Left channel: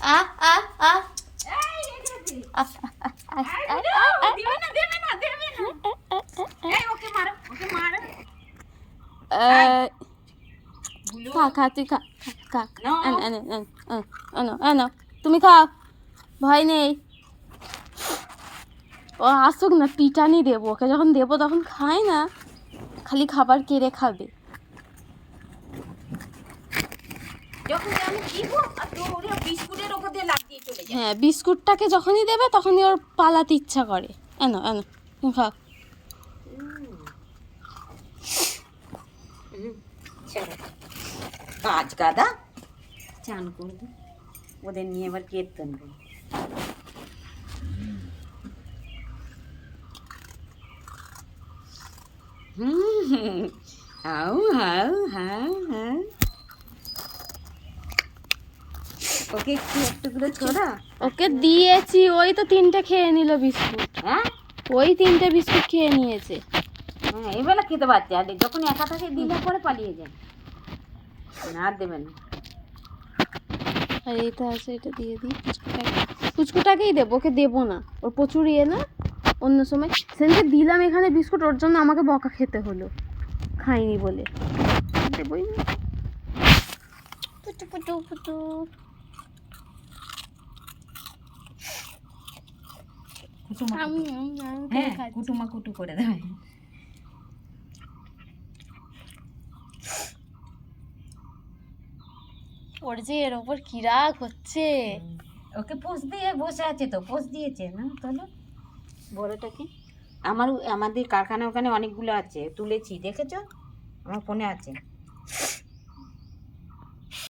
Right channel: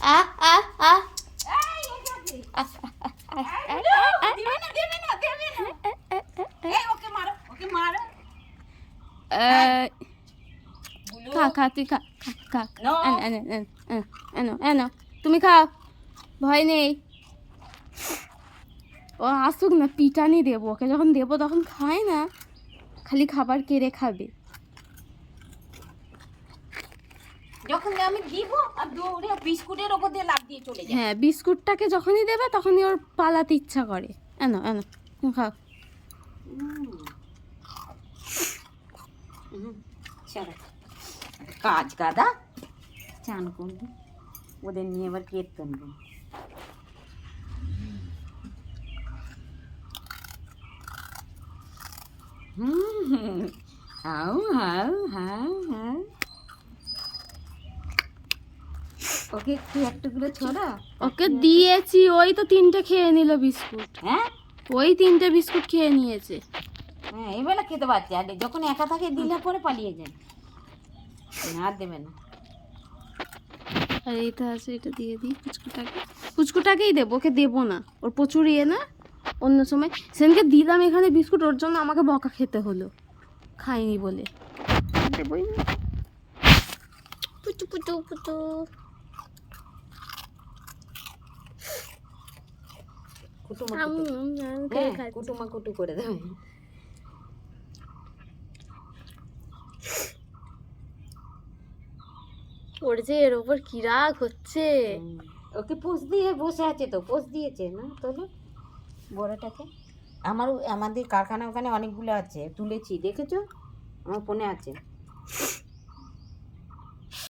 আ আ আ এই এসেছে। দেবে না দেবে না দেবে না। এই ওকে মারো ওকে মারো। বুলু খা খা তুই খা খা নো এনো এনো এনো এনো এনো তুমি খাও, ভয় নেই। ও আসুক না, পিটানি দেবো ওকে, যখন দেবো তখন খায় না, খালি খাবার কেড়ে খাবে। যখন আমি দিব আর দৌড়ে বিস্কুটের ওপর দিয়ে লাফ দিয়ে চলে যায়। হ্যাঁ, বিস্কুটটাকে যখনই দেবে তখনই ওর পালাতে ইচ্ছা করে। এনো এনো তুমি খাও। চলো কাজ গাদা চান করবো, ওদের নিয়ে এবার কীর্তন করবো। How how how how. Okay একটু একটু করে ছড়া। ওকে দিয়েছি, ওই তো 3টে খেয়ে নিল বিস্কুট। হ্যাঁ ওই 3টে বিস্কুট খেয়ে নিয়েছে। হ্যাঁ এবেলা খেতে পারছে, আর যখন একা থাকে দিলে পরে পালিয়ে যায়, না আর দেবে না। আর এটা আছে, এটা দিয়ে দিই পুচকুটাকে। পুচকুটাকেই দেবো, ওকে দেবো না, ওর প্রচুর ইয়ে না। অন্য সময় সেদিনকে দিলাম এখানে বিস্কুট, ওর জন্য আমাকে বকা খেতে হলো, খাইনি বলে। দেবই না। পুটু পুটু পুটু। কুটুমা কুটু করে দেবে। ওর যে এর ওপর কি রাগ হচ্ছে। ওকে পোষ দিয়ে বসে আছে, তো পোষ দিয়েছে না তোলো বড়টাকে। আমাদের কারখানা ওখানে অনেকগুলো আছে, তুলেছি দেখেছো, আমার ফোনে আছে।